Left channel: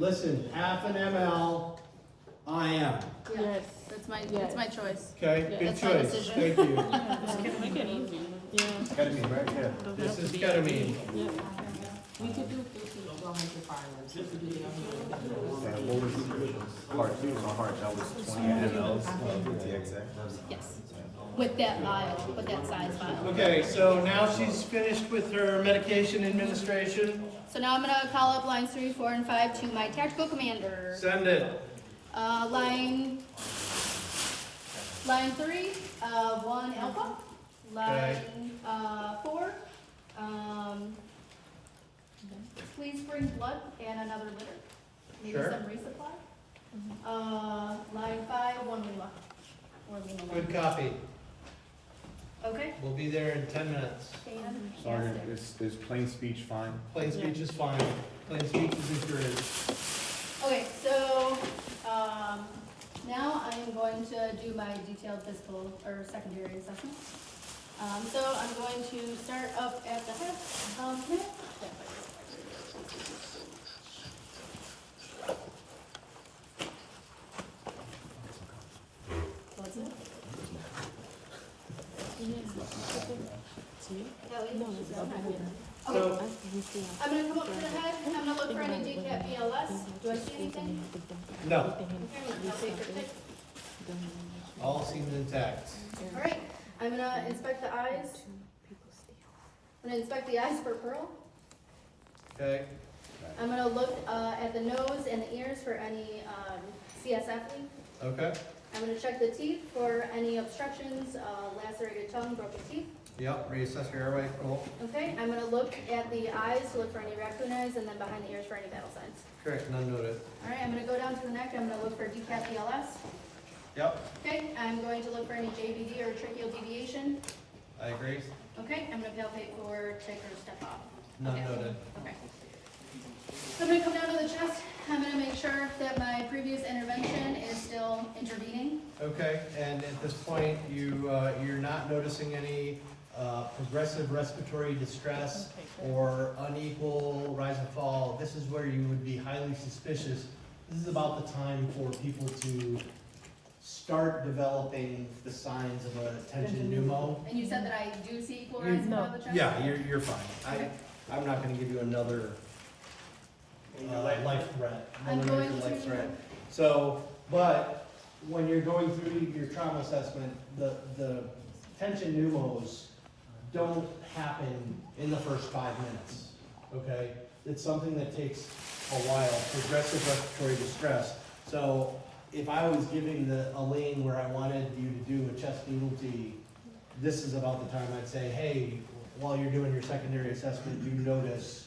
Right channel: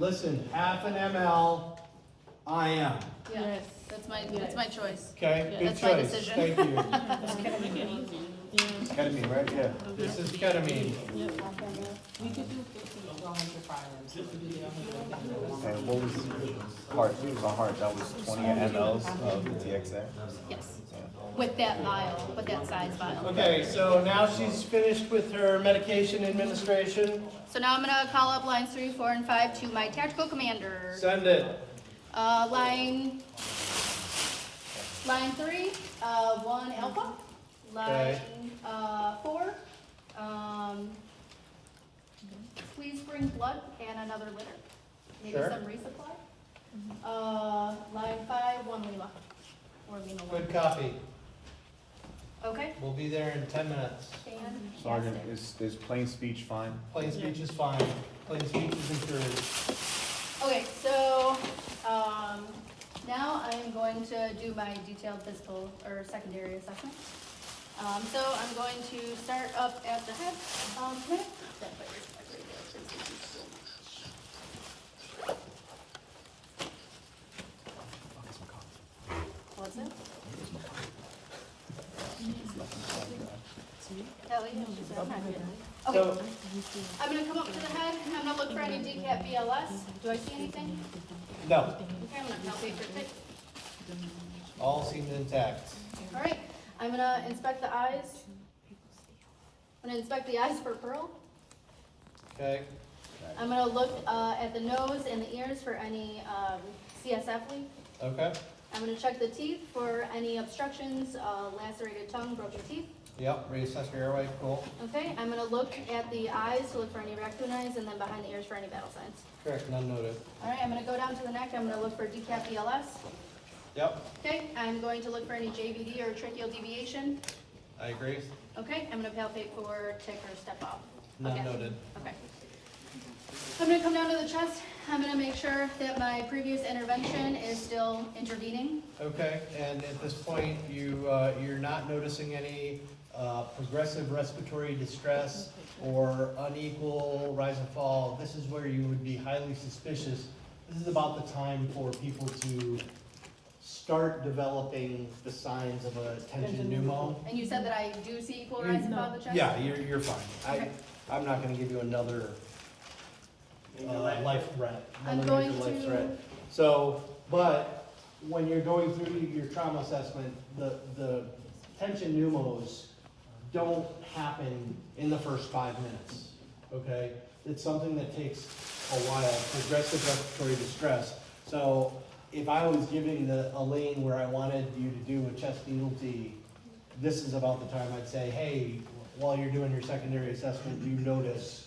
Listen, half an ml, IM. Yeah, that's my choice. Okay, good That's my choice. decision. Thank you. Ketamine, right? Yeah. This is ketamine. We could do 50 to 100 filings. We could do 100. And what was the heart? The heart, that was 20 mLs of TXA. Yes. With that vial, with that size vial. Okay, so now she's finished with her medication administration. So now I'm gonna call up lines 3, 4, and 5 to my tactical commander. Send it. Line 3, 1 alpha. Line 4, please bring blood and another litter. Maybe Sure. some resupply. Line 5, 1 Lima. Or Lima 1. Good copy. Okay. We'll be there in 10 minutes. Sergeant, is plain speech fine? Plain speech is fine. Plain speech is encouraged. Okay, so now I'm going to do my detailed physical or secondary assessment. So I'm going to start up at the hip. What's it? Kelly? Okay, So, I'm gonna come up to the head. I'm gonna look for any decap BLS. Do I see anything? no, Okay, I'm gonna palpate for tick. all seems intact. All right, I'm gonna inspect the eyes. I'm gonna inspect the eyes for pearl. Okay, I'm gonna look at the nose and the ears for any CSF leak. okay, I'm gonna check the teeth for any obstructions, lacerated tongue, broken teeth. yep, reassess your airway, cool. Okay, I'm gonna look at the eyes to look for any raccoon eyes, and then behind the ears for any vital signs. Correct, none noted. All right, I'm gonna go down to the neck. I'm gonna look for decap BLS. Yep, Okay, I'm going to look for any JVD or tracheal deviation. I agree. Okay, I'm gonna palpate for tick or step off. None Okay. noted. Okay. I'm gonna come down to the chest. I'm gonna make sure that my previous intervention is still intervening. Okay, and at this point, you're not noticing any progressive respiratory distress or unequal rise and fall. This is where you would be highly suspicious. This is about the time for people to start developing the signs of a tension pneumo. And you said that I do see equal rise and fall of the chest? Yeah, you're fine. Okay. I'm not gonna give you another life threat. I'm another going major life to- threat. So, but when you're going through your trauma assessment, the tension pneumos don't happen in the first 5 minutes, okay? It's something that takes a while, progressive respiratory distress. So if I was giving a lane where I wanted you to do a chest ELT, this is about the time I'd say, hey, while you're doing your secondary assessment, you notice,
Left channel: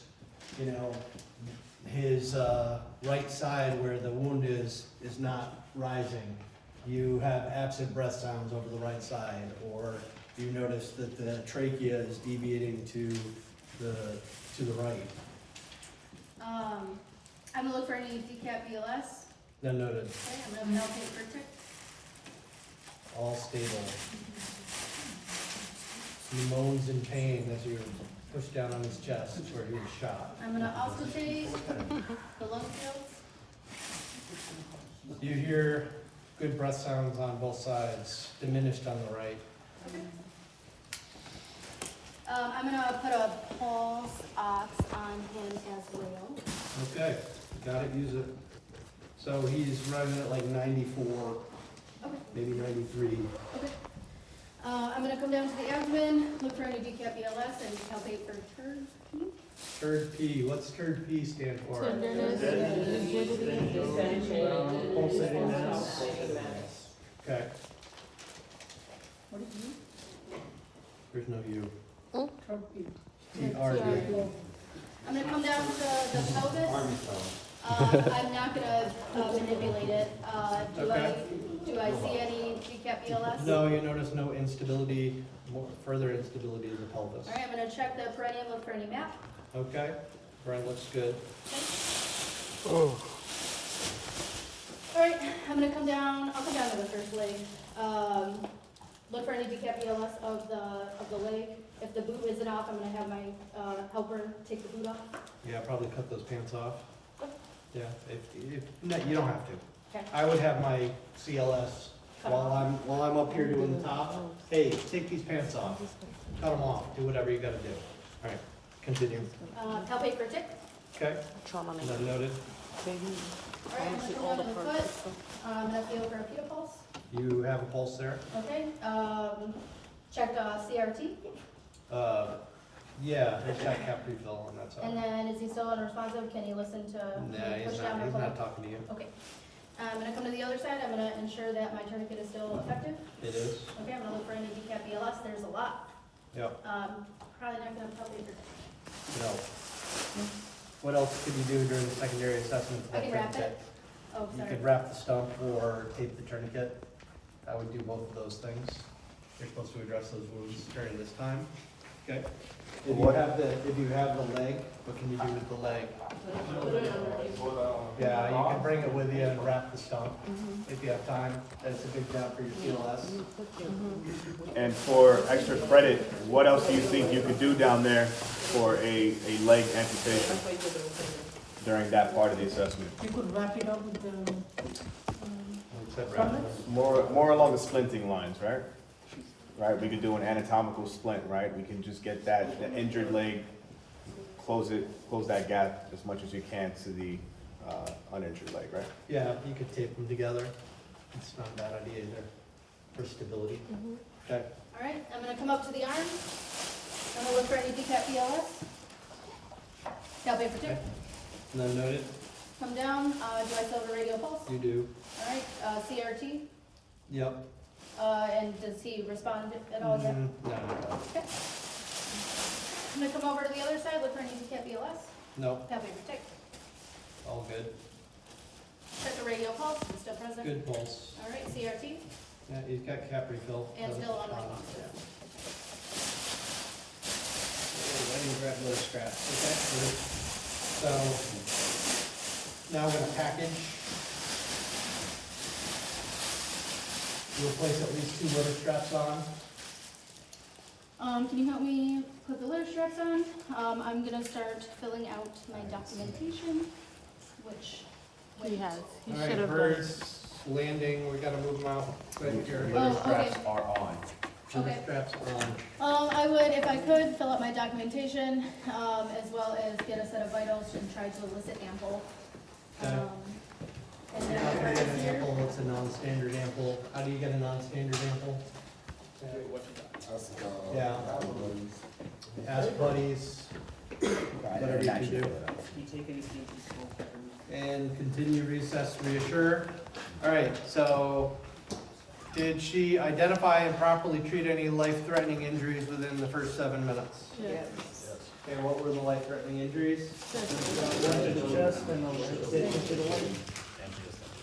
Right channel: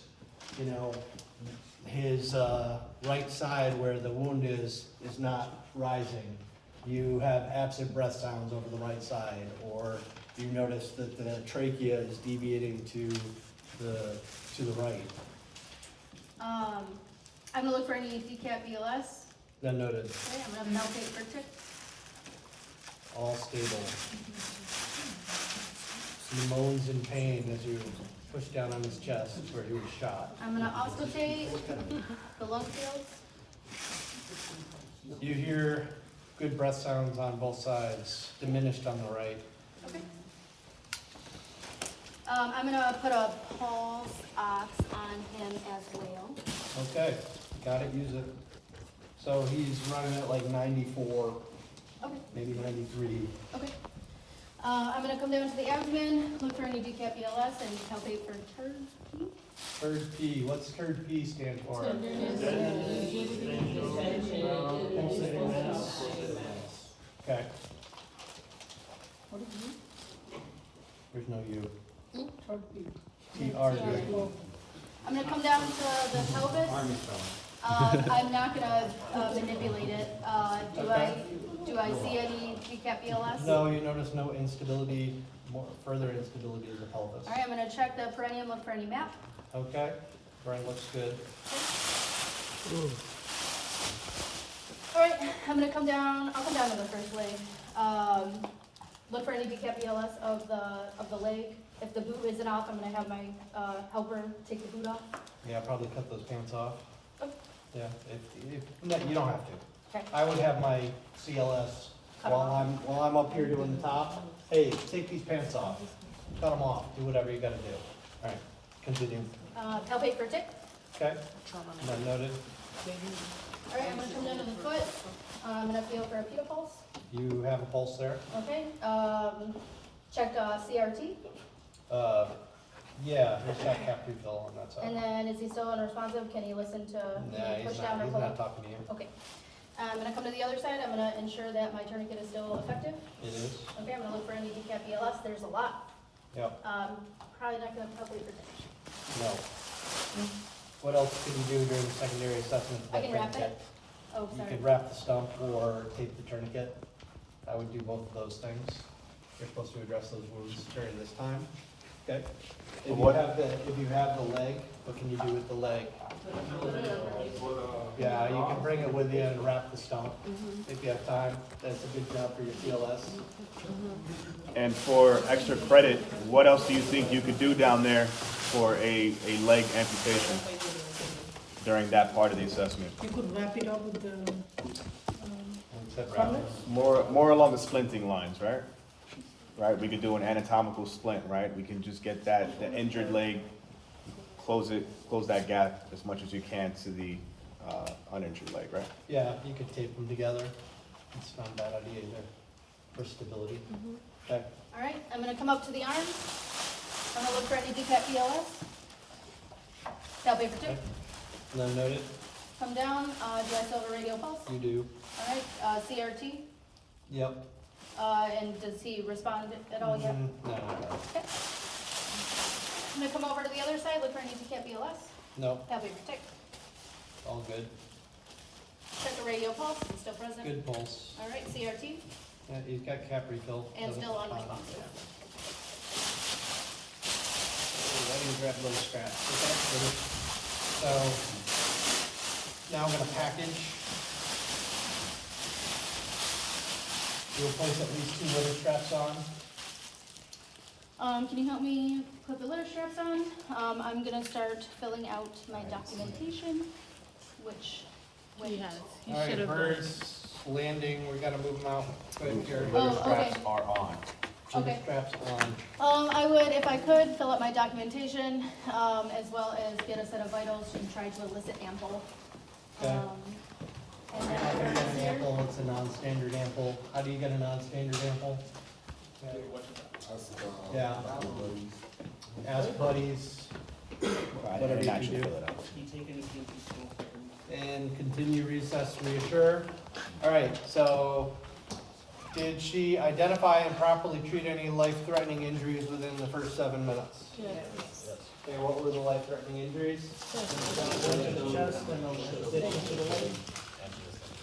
you know, his right side where the wound is not rising. You have absent breath sounds over the right side, or you notice that the trachea is deviating to the right. I'm gonna look for any decap BLS. None noted. Okay, I'm gonna palpate for tick. All stable. He moans in pain as you push down on his chest where he was shot. I'm gonna auscultate the lung fields. You hear good breath sounds on both sides, diminished on the right. Okay. I'm gonna put a pulse ox on him as well. Okay, got it, use it. So he's running at like 94, Okay, maybe 93. okay. I'm gonna come down to the abdomen, look for any decap BLS and palpate for turd. Curd P, what's Curd P stand for? Pulsating mass. Okay. There's no U. TRD. I'm gonna come down to the pelvis. I'm not gonna manipulate it. Do I see any decap BLS? No, you notice no instability, further instability in the pelvis. Alright, I'm gonna check the perineum, look for any map. Okay, right, looks good. Alright, I'm gonna come down, I'll come down to the first leg. Look for any decap BLS of the leg. If the boot isn't off, I'm gonna have my helper take the boot off. Yeah, probably cut those pants off. Yeah, no, you don't have to. Okay. I would have my CLS while I'm up here doing the top. Hey, take these pants off, cut them off, do whatever you gotta do. All right, continue. Palpate for tick. Okay, none noted. All right, I'm gonna come down to the foot. I'm gonna feel for a pupil pulse. You have a pulse there? Okay, check CRT. Yeah, there's got cap refill on that side. And then is he still unresponsive? Can he listen to? Nah, can he he's push not, down or he's pull not up? talking to you. Okay. I'm gonna come to the other side. I'm gonna ensure that my tourniquet is still effective. It is? Okay, I'm gonna look for any decap BLS. There's a lot. Yep. Probably not gonna palpate for. No. What else can you do during the secondary assessment? I can wrap it. Oh, You sorry. could wrap the stump or tape the tourniquet. I would do both of those things. You're supposed to address those wounds during this time. Okay? If you have the leg, what can you do with the leg? Yeah, you can bring it with you and wrap the stump if you have time. That's a good job for your CLS. And for extra credit, what else do you think you could do down there for a leg amputation during that part of the assessment? You could wrap it up with the, More along the splinting lines, right? Right, we could do an anatomical splint, right? We can just get that, the injured leg, close that gap as much as you can to the uninjured leg, right? Yeah, you could tape them together. It's not a bad idea either for stability. Okay. All right, I'm gonna come up to the arm. I'm gonna look for any decap BLS. Palpate for tick. None noted? Come down. Do I still have a radial pulse? You do. All right, CRT. Yep. And does he respond at all yet? No. Okay. I'm gonna come over to the other side, look for any decap BLS. No, Palpate for tick. all good. Check the radial pulse. It's still present. Good pulse. All right, CRT. Yeah, he's got cap refill. And so still it's fine. unresponsive. I didn't grab those straps, okay? So, now I'm gonna package. We'll place at least 2 litter straps on. Can you help me put the litter straps on? I'm gonna start filling out my documentation, which. he has. All right, birds landing, we gotta move them out. Quick, your Oh, Litter straps okay. are on. Okay. straps on. I would, if I could, fill out my documentation, as well as get a set of vitals and try to elicit ample. Okay. And You're not gonna get an then, ample, it's a non-standard ample. How do you get a non-standard ample? Yeah. Ask buddies, whatever you can do. And continue, reassess, reassure. All right, so did she identify and properly treat any life-threatening injuries within the first 7 minutes? Okay, what were the life-threatening injuries? Chest and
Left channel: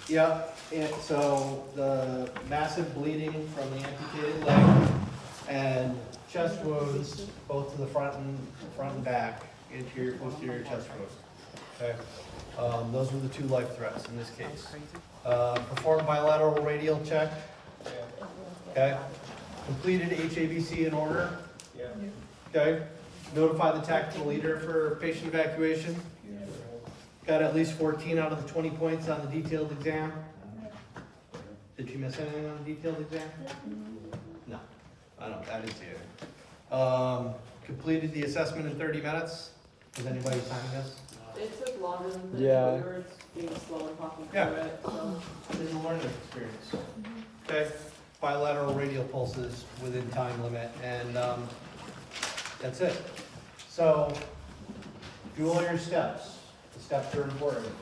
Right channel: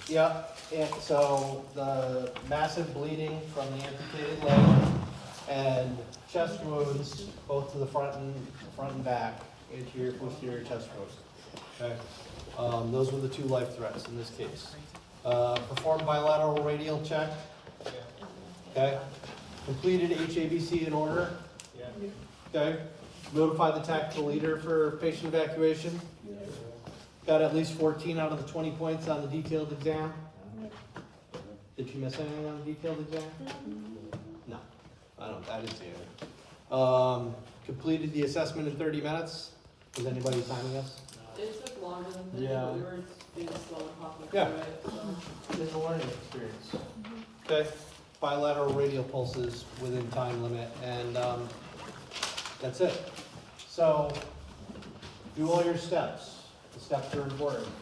yeah, and so the massive bleeding from the amputated leg and chest wounds, both to the front and back, anterior, posterior chest wounds. Okay, those were the 2 life threats in this case. Perform bilateral radial check. Okay, completed HABC in order. Okay, notify the tactical leader for patient evacuation. Got at least 14 out of the 20 points on the detailed exam. Did she miss anything on the detailed exam? No, I didn't see it. Completed the assessment in 30 minutes. Is anybody timing this? It took longer than 30, Yeah. we were being slow and talking Yeah. through it, so. It's a learning experience. Okay, bilateral radial pulses within time limit, and, that's it. So, do all your steps. The steps are important.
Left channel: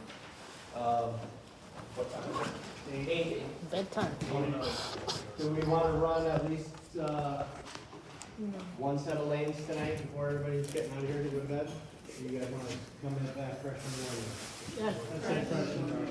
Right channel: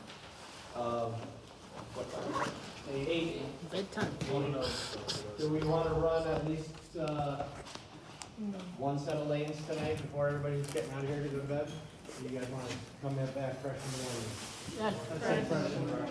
What time is it? 8. Bedtime. Do we want to run at least, 1 set of lanes tonight before everybody's getting out of here to go to bed? Or you guys want to come back fresh in the morning? Yeah. I'd say fresh in the morning.